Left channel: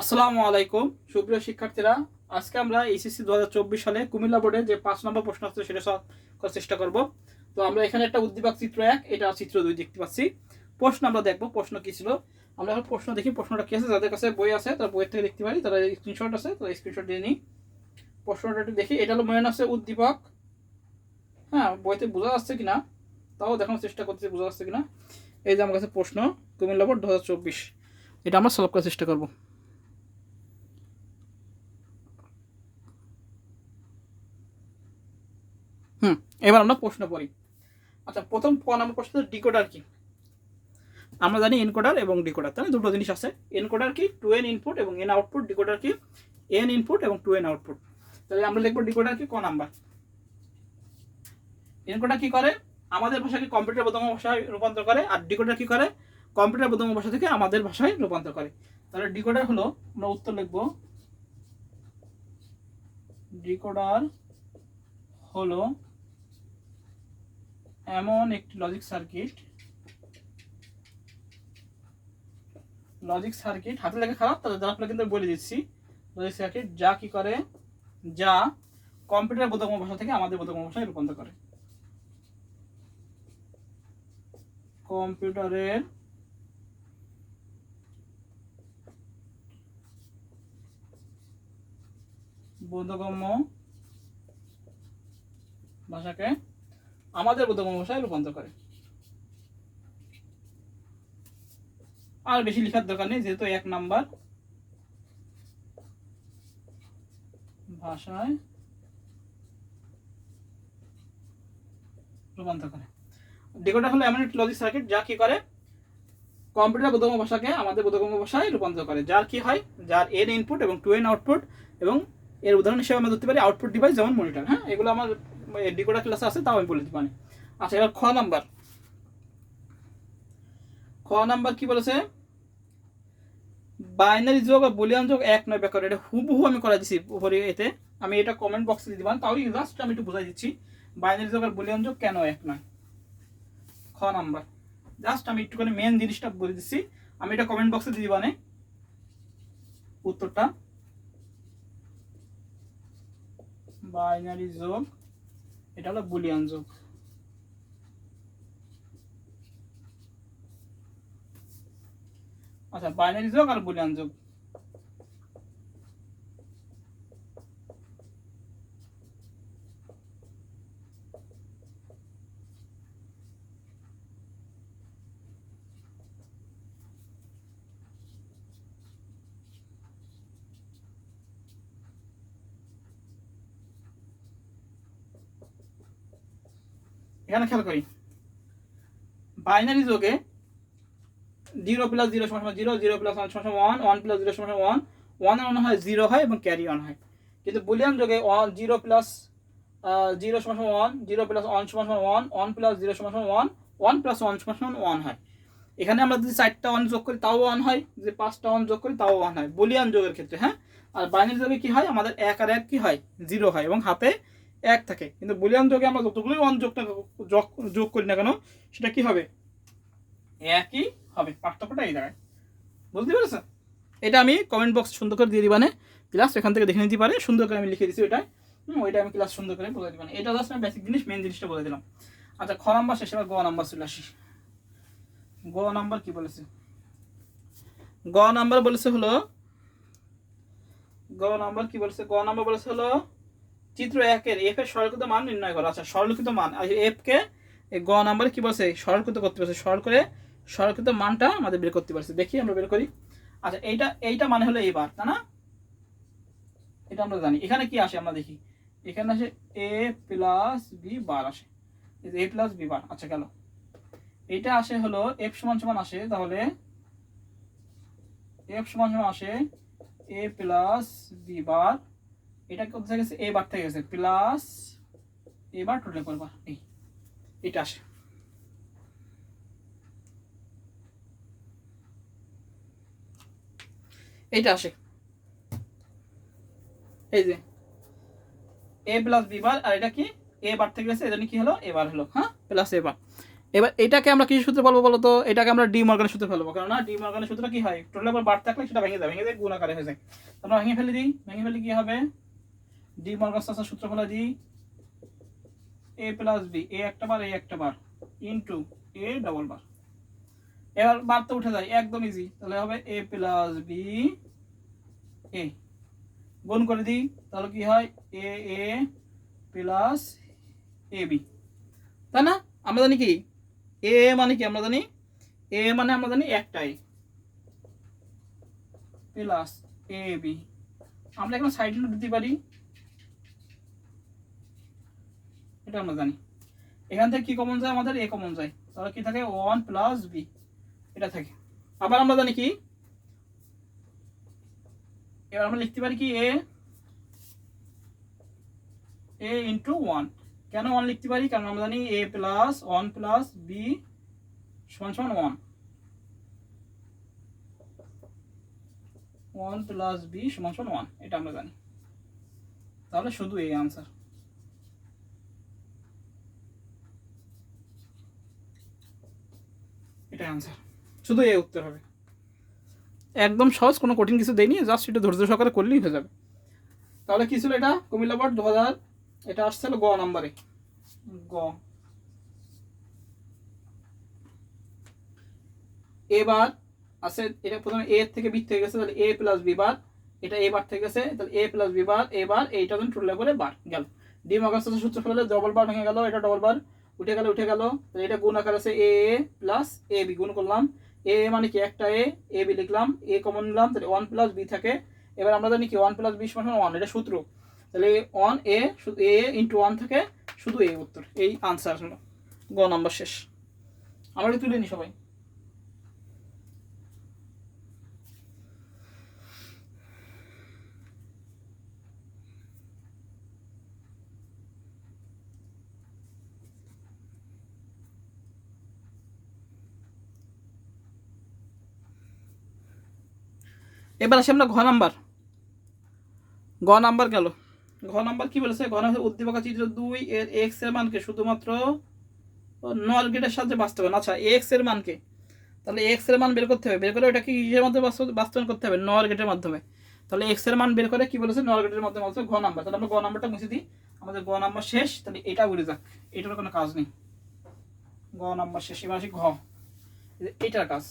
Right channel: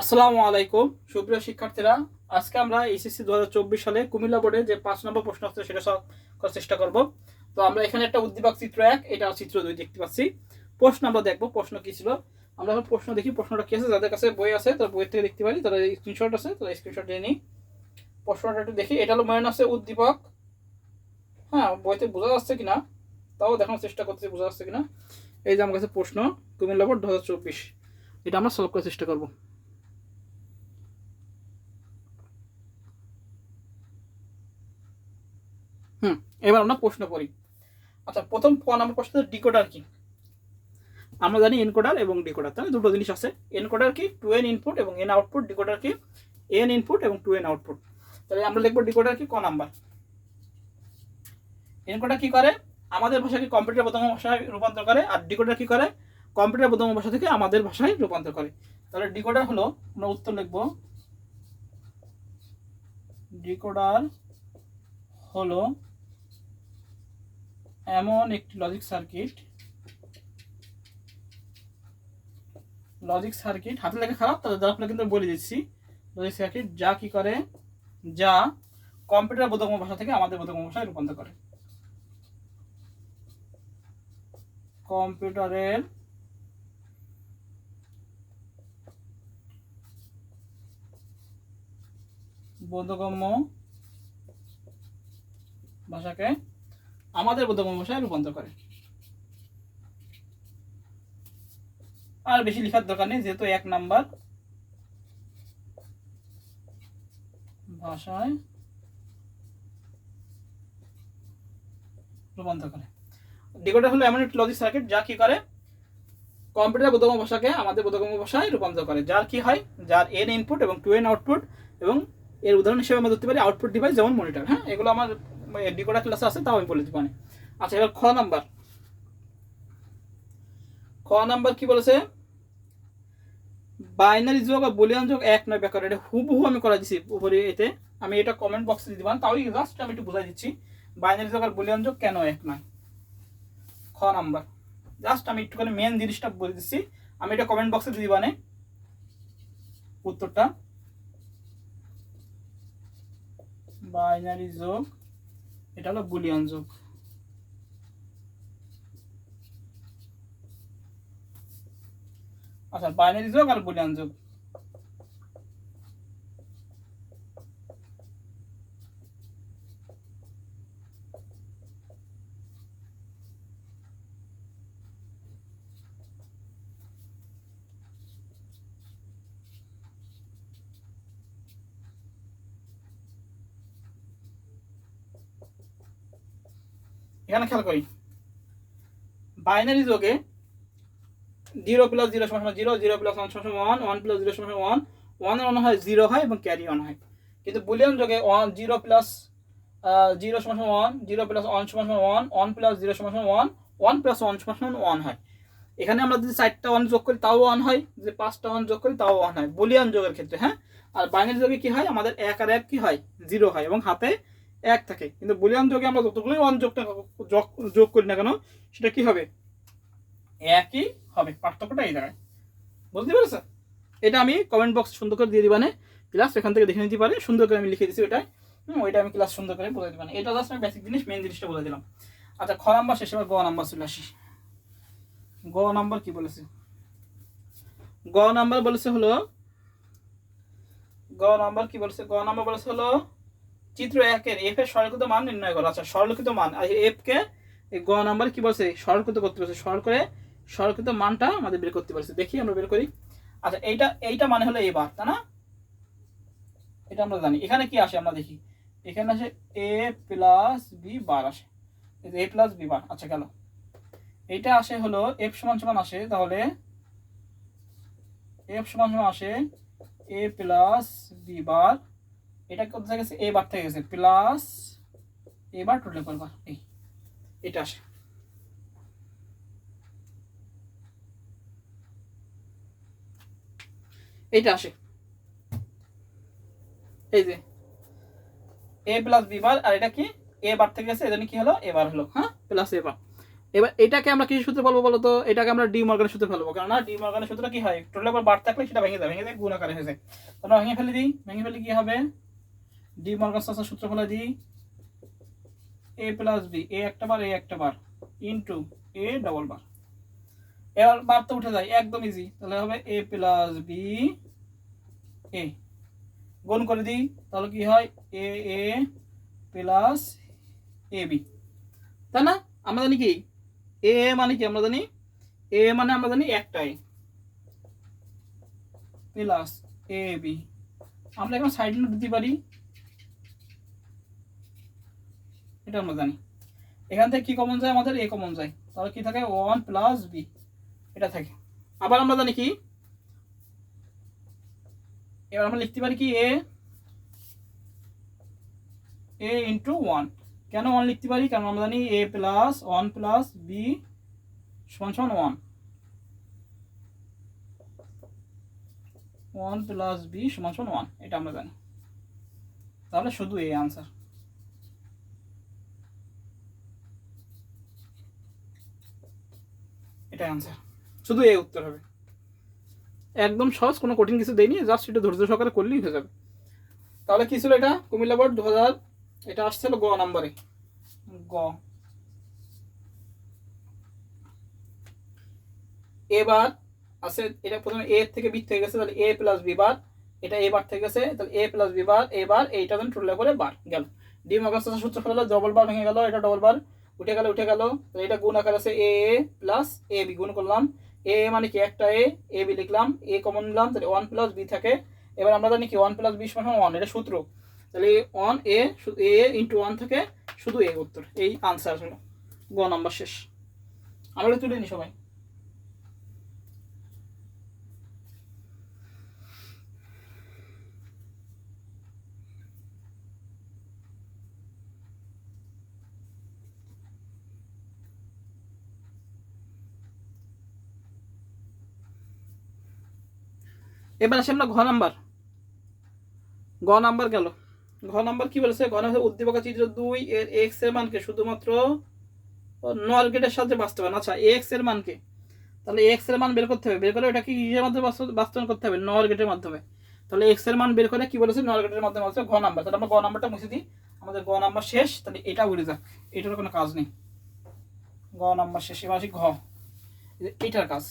আসসালামু আলাইকুম সুপ্রিয় শিক্ষার্থীরা, আজকে আমরা এইচএসসি 2024 সালে কুমিল্লা বোর্ডে যে 5 নম্বর প্রশ্ন আছে সেটা সলভ করার চেষ্টা করব। তো আমরা এখানে একটা উদ্দীপক চিত্র 1, এটা চিত্র 2 দেখতে পাচ্ছি। প্রশ্ন আমরা দেখব প্রশ্ন কি ছিল। আমরা এখন প্রশ্ন দেখি প্রশ্নটা কি আছে। যাদের কাছে বই আছে তারা বই থেকে দেখতে পারি, তারা স্ক্রিনশট আছে তো স্ক্রিনশট দিয়ে নিই। প্রশ্নটা একটু দেখি। এটা হলো মনে আছে উদ্দীপক। হ্যাঁ, বইতে বোঝা যাচ্ছে কিনা তাও দেখানোর চেষ্টা করতেছি বোঝা যাচ্ছে কিনা। এই যে আমার কাছে প্রশ্ন কুমিল্লা বোর্ড 2024, এটা আমরা সলভ করার চেষ্টা করব। এবার আমরা প্রশ্ন পড়ি। আচ্ছা, প্রথম নম্বর প্রশ্ন, ডিকোডার কি? আমরা জানি এনকোডার এবং ডিকোডার, তাহলে দুটো জিনিস আছে। এনকোডার কি? 2n ইনপুট এবং n আউটপুট। ডিকোডার কি? n ইনপুট এবং 2n আউটপুট। তাহলে আমরা লিখবো ডিকোডার কি ক নাম্বার। এনকোডার কি করে? আমাদের ভাষাকে কম্পিউটার বোধগম্য ভাষায় রূপান্তর করে। আর ডিকোডার কি করে? কম্পিউটার বোধগম্য ভাষা থেকে আমাদের ভাষায় রূপান্তর করে। তাহলে ডিকোডার হলো, আমরা উত্তর লিখবো, ডিকোডার হলো এমন একটি লজিক সার্কিট হাতে লেখা খারাপ, তাহলে যারা আপনারা কিন্তু বলে দিচ্ছি, লজিক সার্কিট যা কি করে, যা কম্পিউটার বোধগম্য ভাষা থেকে আমাদের বোধগম্য ভাষায় রূপান্তর করে। কম্পিউটারের বোধগম্য ভাষাকে আমাদের বোধগম্য ভাষায় রূপান্তর করে। আর বেশি লেখার দরকার নেই, যেহেতু 1 নাম্বার ভাষায় রূপান্তর করে। ডিকোডার হলো এমন একটি লজিক সার্কিট যা কি করে, কম্পিউটার বোধগম্য ভাষাকে আমাদের বোধগম্য ভাষায় রূপান্তর করে। যার কি হয়, যার n ইনপুট এবং 2n আউটপুট, এবং এর উদাহরণ হিসেবে আমরা ধরতে পারি আউটপুট ডিভাইস, যেমন মনিটর। হ্যাঁ, এগুলো আমার ডিকোডার ক্লাসে আছে, তাও আমি বলে দিতে পারি। আচ্ছা, এবার খ নাম্বার কি বলেছে? বাইনারি যোগ আর বুলিয়ান যোগ এক নয় ব্যাকরণ। এটা হুবহু আমি করে দিচ্ছি উপরে, এতে আমি এটা কমেন্ট বক্সে দিয়ে দিবেন, তাও জাস্ট আমি একটু বোঝাই দিচ্ছি বাইনারি যোগ আর বুলিয়ান যোগ কেন এক নয়। খ নাম্বার জাস্ট আমি একটুখানি মেন জিনিসটা বলে দিচ্ছি, আমি এটা কমেন্ট বক্সে দিয়ে দিবানে উত্তরটা। বাইনারি যোগ, এটা হলো বুলিয়ান যোগ। আচ্ছা, বাইনারি যোগ আর বুলিয়ান যোগ। এখানে খেয়াল করি, বাইনারি যোগে 0 + 0 = 0, 0 + 1 = 1, 1 + 0 = 1, 1 এর অন হয় 0 হয় এবং ক্যারি অন হয়। কিন্তু বুলিয়ান যোগে 0 + 0 = 1, 0 + 1 = 1, 1 + 0 = 1, 1 + 1 = 1 হয়। এখানে আমরা যদি 4টা 1 যোগ করি তাও 1 হয়, যদি 5টা 1 যোগ করি তাও 1 হয় বুলিয়ান যোগের ক্ষেত্রে। হ্যাঁ, আর বাইনারি যোগে কি হয়, আমাদের 1 আর 1 কি হয়, 0 হয় এবং হাতে 1 থাকে। কিন্তু বুলিয়ান যোগে আমরা যতগুলোই 1 যোগ করি না কেন, সেটা কি হবে, একই হবে। পার্থক্যটা এই জায়গায়, বুঝতে পেরেছো? এটা আমি কমেন্ট বক্স সুন্দর করে দিয়ে দিবানে, ক্লাস এখান থেকে দেখে নিতে পারে, সুন্দর করে আমি লিখে দিচ্ছি ওইটাই। ওইটা আমি ক্লাস সুন্দর করে বলে দিবানে। এটা জাস্ট আমি বেসিক জিনিস, মেন জিনিসটা বলে দিলাম। আচ্ছা, খ নাম্বার শেষ, এবার গ নাম্বার চলে আসি। গ নাম্বার কি বলেছে? গ নাম্বার বলেছে হলো, গ নাম্বার কি বলেছে? গ নাম্বার বলেছে হলো চিত্র 1 এর f এর সরলকৃত মান নির্ণয় করো। আচ্ছা, সরলকৃত মান, আর f কে গ নাম্বার কি বলছে, সরলকৃত করতে বলছে। সরলকৃত মানটা আমাদের বের করতে বলছে। দেখি আমরা বের করি। আচ্ছা, এইটা মানে হলো এবার, তাই না? এটা আমরা জানি। এখানে কি আসে আমরা দেখি, এখানে আসে a + b বার আসে, এই যে a + b বার। আচ্ছা, গেল। এইটা আসে হলো f সমান আসে, তাহলে f সমান আসে a + b বার। এটা কত থেকে গেছে, a বার থেকে গেছে, প্লাস a বার টোটাল করবা, এটা আসে। এইটা আসে, এই যে a + b বার, আর এটা কি a বার থেকে গেছে, এজন্য কি হলো, a বার হলো। হ্যাঁ, প্লাস a বার। এবার এটাকে আমরা কি সূত্রে বলবো বলো তো? এটাকে আমরা ডি মর্গানের সূত্রে ফেলবো, কারণ না ডি মর্গানের সূত্রটা কি হয়, টোটাল আবার বার থাকলে সেটা ভেঙে যায় গুণ আকারে হয়ে যায়। আমরা ভেঙে ফেলে দিই, ভেঙে ফেলে কি হবে, ডি মর্গান সূত্র ফেলে দিই, এ প্লাস বি, এ একটা বার ইন্টু এ ডবল বার। এবার বার তো উঠে যায়, একদম ইজি, তাহলে হবে এ প্লাস বি এ, গুণ করে দিই, তাহলে কি হয় এ এ প্লাস এ বি, তাই না? আমরা জানি কি এ মানে কি, আমরা জানি এ মানে আমরা জানি একটাই প্লাস এ বি। আমরা এখন সাইড নোট দিতে পারি, এটা আমরা জানি। এখান থেকে কি কমন যায়, আমাদের এ কমন যায়, তাহলে কি থাকে 1 প্লাস বি, এটা থাকে। আবার আমরা জানি কি, এবার আমরা লিখতে পারি কি এ ইন্টু 1। কেন 1 লিখতে পারি, কারণ আমরা জানি এ প্লাস 1 প্লাস বি সমান সমান 1 প্লাস বি সমান সমান 1, এটা আমরা জানি। তাহলে শুধু এই আনসার। এটা আনসার, শুধু এই উত্তর হবে। একদম সহজ, কোনো কঠিন কিছু দেয়নি, জাস্ট একটু ধৈর্য সহকারে করলেই হয়ে যাবে। তাহলে কি ছিল এটা, কুমিল্লা বোর্ড 2000, এটা আসছিল গ নাম্বারে, গ। এবার আছে এটা প্রথমে এ থেকে বি থেকে গেছে, তাহলে এ প্লাস বি বার, এটা এ বার থেকে গেছে, তাহলে এ প্লাস বি বার, এবার এইটা যখন টোটাল করে বার গেল, ডি মর্গান সূত্র ফেলে ডবল বার ভেঙে গেল, এটা ডবল বার উঠে গেল, তাহলে এটা গুণ আকার আছে এ প্লাস এ বি, গুণ করলাম, এ মানে কি একটা এ বি লিখলাম, এ কমন নিলাম, তাহলে 1 প্লাস বি থাকে। এবার আমরা জানি কি 1 প্লাস বি সমান 1, এটা সূত্র, তাহলে 1 এ ইন্টু 1 থাকে, শুধু এই উত্তর, এই আনসার হলো, গ নাম্বার শেষ। আমরা তুলে নি সবাই। এবার আসি আমরা ঘ নাম্বার, গ নাম্বার গেল। ঘ নাম্বার কি বলেছে, ঘ নাম্বার উদ্দীপক চিত্র 2 এর এক্স এর মানকে শুধুমাত্র নর গেটের সাহায্যে বাস্তবায়ন। আচ্ছা এক্স এর মানকে, তাহলে এক্স এর মান বের করতে হবে, বের করে ওটাকে ইজের মাধ্যমে বাস্তবায়ন করতে হবে নর গেটের মাধ্যমে। তাহলে এক্স এর মান বের করে কি বলেছে, নর গেটের মাধ্যমে বলছে ঘ নাম্বার। তাহলে আমরা গ নাম্বারটা মুছে দিই, আমাদের গ নাম্বার শেষ, তাহলে এটা উড়ে যাক, এটার কোনো কাজ নেই, গ নাম্বার শেষ। এবার আসি ঘ, এটার কাজ।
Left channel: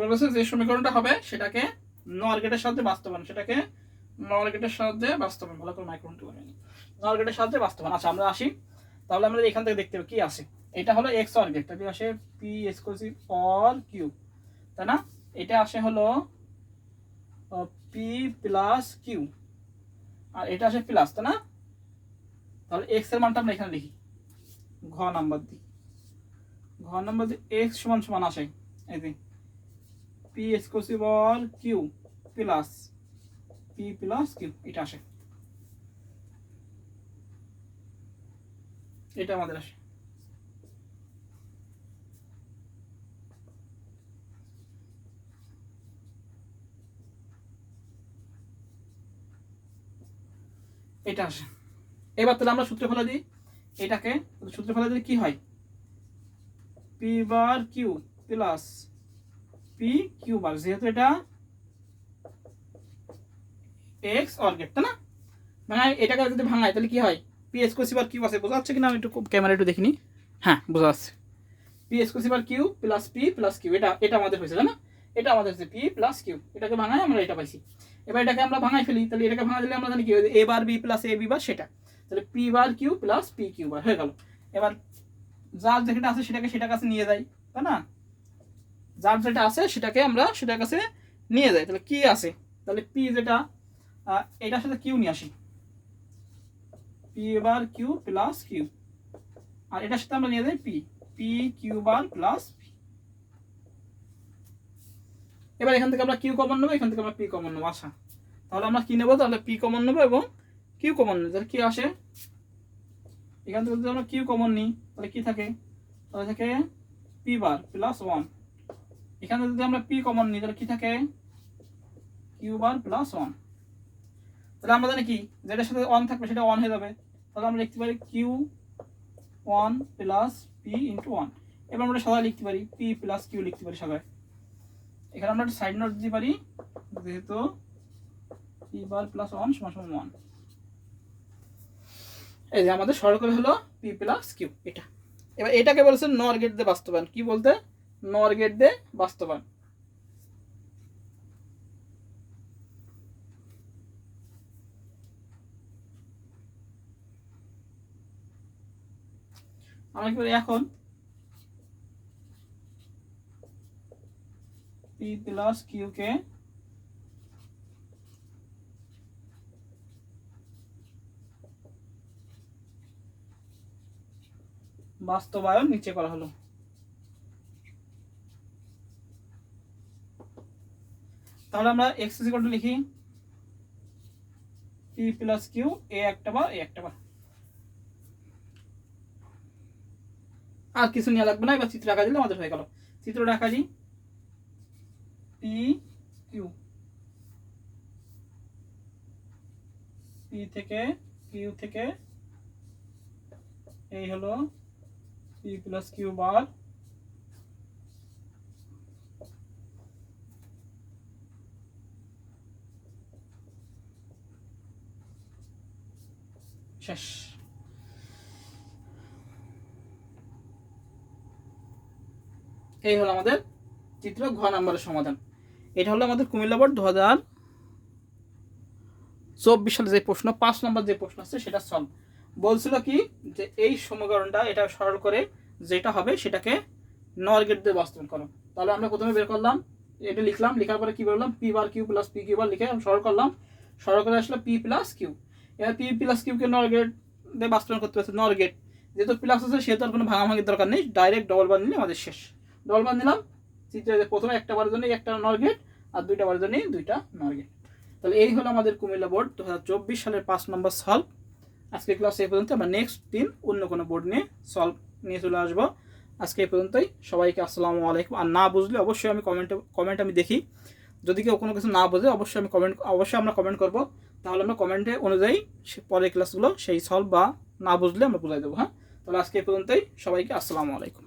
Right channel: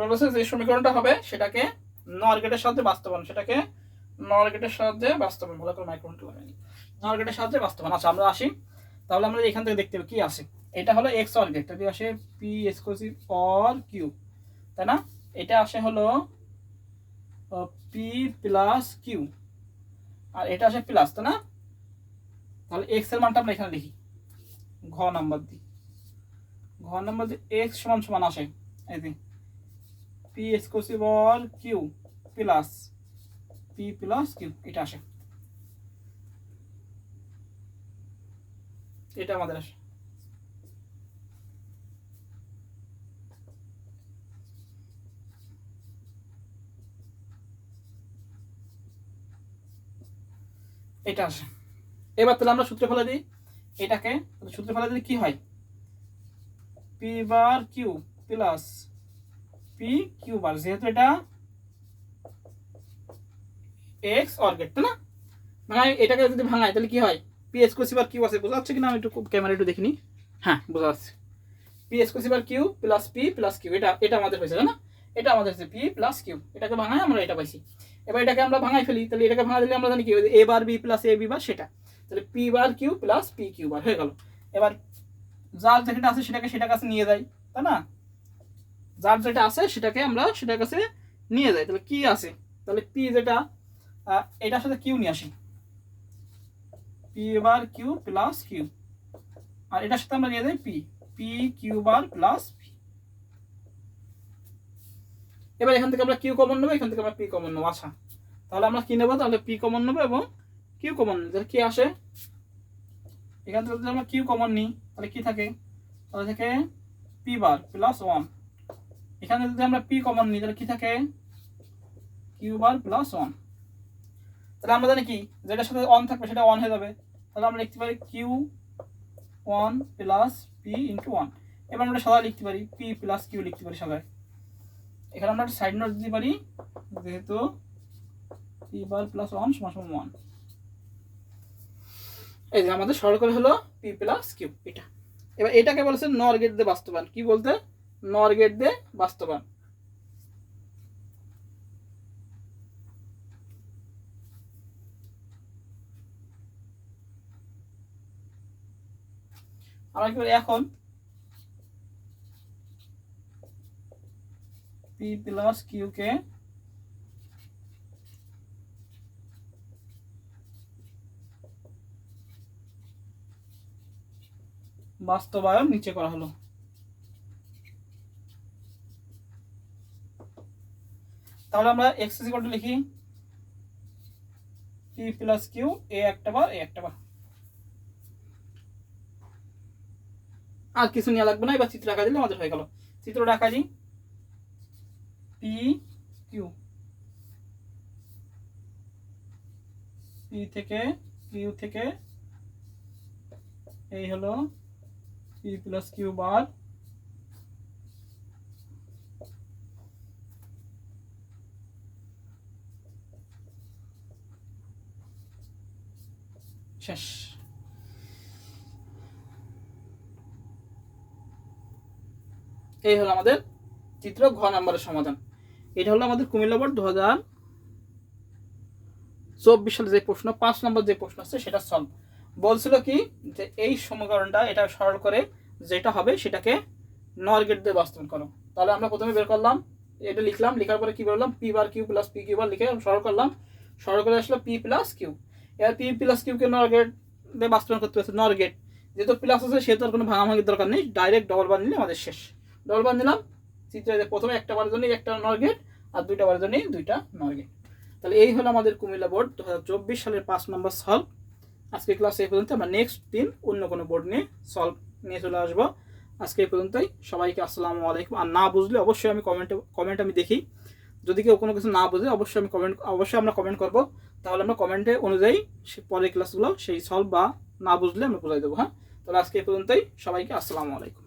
বলেছে যে সমীকরণটা হবে সেটাকে নর গেটের সাহায্যে বাস্তবায়ন, সেটাকে নর গেটের সাহায্যে বাস্তবায়ন, ভালো করে মাইক্রোফোনটা লাগাইনি, নর গেটের সাহায্যে বাস্তবায়ন। আচ্ছা আমরা আসি, তাহলে আমরা এখান থেকে দেখতে হবে কি আছে, এটা হলো এক্স অর গেট, তাহলে আসে পি এক্সক্লুসিভ অর কিউ, তাই না? এটা আসে হলো পি প্লাস কিউ, আর এটা আসে প্লাস, তাই না? তাহলে এক্স এর মানটা আমরা এখানে লিখি, ঘ নাম্বার দিই, ঘ নাম্বার দিয়ে এক্স সমান সমান আসে এই যে P exclusive or Q plus P plus Q, এটা আসে, এটা আমাদের আসে। এটা আসে। এবার তাহলে আমরা সূত্র ফেলে দিই এটাকে, সূত্র ফেলে দিলে কি হয়, P bar Q plus P Q bar, যেহেতু এটা এক্স অর গেট, তাই না? মানে এটাকে যদি ভাঙায় তাহলে কি হয়, পি এক্সক্লুসিভ আর কিউ আছে, বোঝা যাচ্ছে কিনা আমি একটু ক্যামেরা একটু দেখিনি, হ্যাঁ বোঝা যাচ্ছে, পি এক্সক্লুসিভ আর Q plus P plus Q, এটা এটা আমাদের হয়েছে, তাই না? এটা আমাদের হচ্ছে পি প্লাস কিউ, এটাকে ভাঙায় আমরা এটা পাইছি। এবার এটাকে আমরা ভাঙাই ফেলি, তাহলে এটাকে ভাঙা দিলে আমরা জানি কি A bar B plus A B bar, সেটা তাহলে P bar Q plus P Q bar হয়ে গেল। এবার যার যেটা আছে সেটাকে সেটার কাছে নিয়ে যাই, তাই না? যার যেটা আছে সেটাকে আমরা সেটার কাছে নিয়ে যাই, তাহলে কি আছে, তাহলে পি যেটা এটার সাথে কিউ নিয়ে আসি, P bar Q plus Q, আর এটার সাথে আমরা নিয়ে যাই P, P Q bar plus P. এবার এখান থেকে আমরা কিউ কমন নেবো, এখান থেকে আমরা পি কমন নেবো। আচ্ছা তাহলে আমরা কি নেবো, তাহলে পি কমন নেবো এবং কিউ কমন নেবো, তাহলে কি আসে, এখান থেকে যদি আমরা কিউ কমন নিই তাহলে কি থাকে, তাহলে থেকে পি বার প্লাস 1, এখানে যদি আমরা পি কমন নিই তাহলে কি থাকে, কিউ বার প্লাস 1। তাহলে আমরা জানি কি যেটার সাথে অন থাকবে সেটা অন হয়ে যাবে, তাহলে আমরা লিখতে পারি Q one plus P into one. এবার আমরা সাদা লিখতে পারি পি প্লাস কিউ লিখতে পারি সাদায়। এখানে আমরা সাইড নোট দিতে পারি যেহেতু পি বার প্লাস ওয়ান সমান সমান ওয়ান। এই যে আমাদের সরল করে হলো পি প্লাস কিউ এটা। এবার এটাকে বলেছে নর গেট দিয়ে বাস্তবায়ন। কি বলতে? নর গেট দিয়ে বাস্তবায়ন। আমরা কি করি এখন পি প্লাস কিউ কে বাস্তবায়ন নিচে করা হলো। তাহলে আমরা এক্স ইজ ইকুয়াল টু লিখি পি প্লাস কিউ এ একটা বার এ একটা বার, আর কিছু নিয়ে লাগবে না। এবার চিত্র আঁকা দিলে আমাদের হয়ে গেল। চিত্রটা আঁকা দিই পি কিউ, পি থেকে কিউ থেকে এই হলো পি প্লাস কিউ বার, শেষ। এই হলো আমাদের চিত্র ঘ নাম্বারের সমাধান। এটা হলো আমাদের কুমিল্লা বোর্ড 2024 সালে যে প্রশ্ন 5 নম্বর যে প্রশ্ন আছে সেটা সলভ বলছিল কি যে এই সমীকরণটা এটা সরল করে যেটা হবে সেটাকে নর গেট দিয়ে বাস্তবায়ন করো। তাহলে আমরা প্রথমে বের করলাম, এটা লিখলাম, লেখার পরে কি বললাম P bar Q plus P Q bar লিখে সরল করলাম, সরল করে আসলো পি প্লাস কিউ। এবার পি প্লাস কিউকে নর গেট দিয়ে বাস্তবায়ন করতে হচ্ছে। নর গেট যেহেতু প্লাস আছে সেহেতু আর কোনো ভাঙাভাঙির দরকার নেই, ডাইরেক্ট ডবল বার নিলে আমাদের শেষ। ডবল বার নিলাম, চিত্রে প্রথমে একটা বারের জন্য একটা নর গেট আর দুইটা বারের জন্য দুইটা নর গেট। তাহলে এই হলো আমাদের কুমিল্লা বোর্ড 2024 সালের 5 নম্বর সলভ। আজকে ক্লাস এই পর্যন্ত। আমরা নেক্সট দিন অন্য কোনো বোর্ড নিয়ে সলভ নিয়ে চলে আসবো। আজকে এই পর্যন্তই। সবাইকে আসসালামু আলাইকুম। আর না বুঝলে অবশ্যই আমি কমেন্ট আমি দেখি, যদি কেউ কোনো কিছু না বোঝে অবশ্যই আমরা কমেন্ট করবো। তাহলে আমরা কমেন্টে অনুযায়ী পরের ক্লাসগুলো সেই সলভ বা না বুঝলে আমরা বুঝাই দেবো। হ্যাঁ, তাহলে আজকে এই পর্যন্তই। সবাইকে আসসালামু আলাইকুম।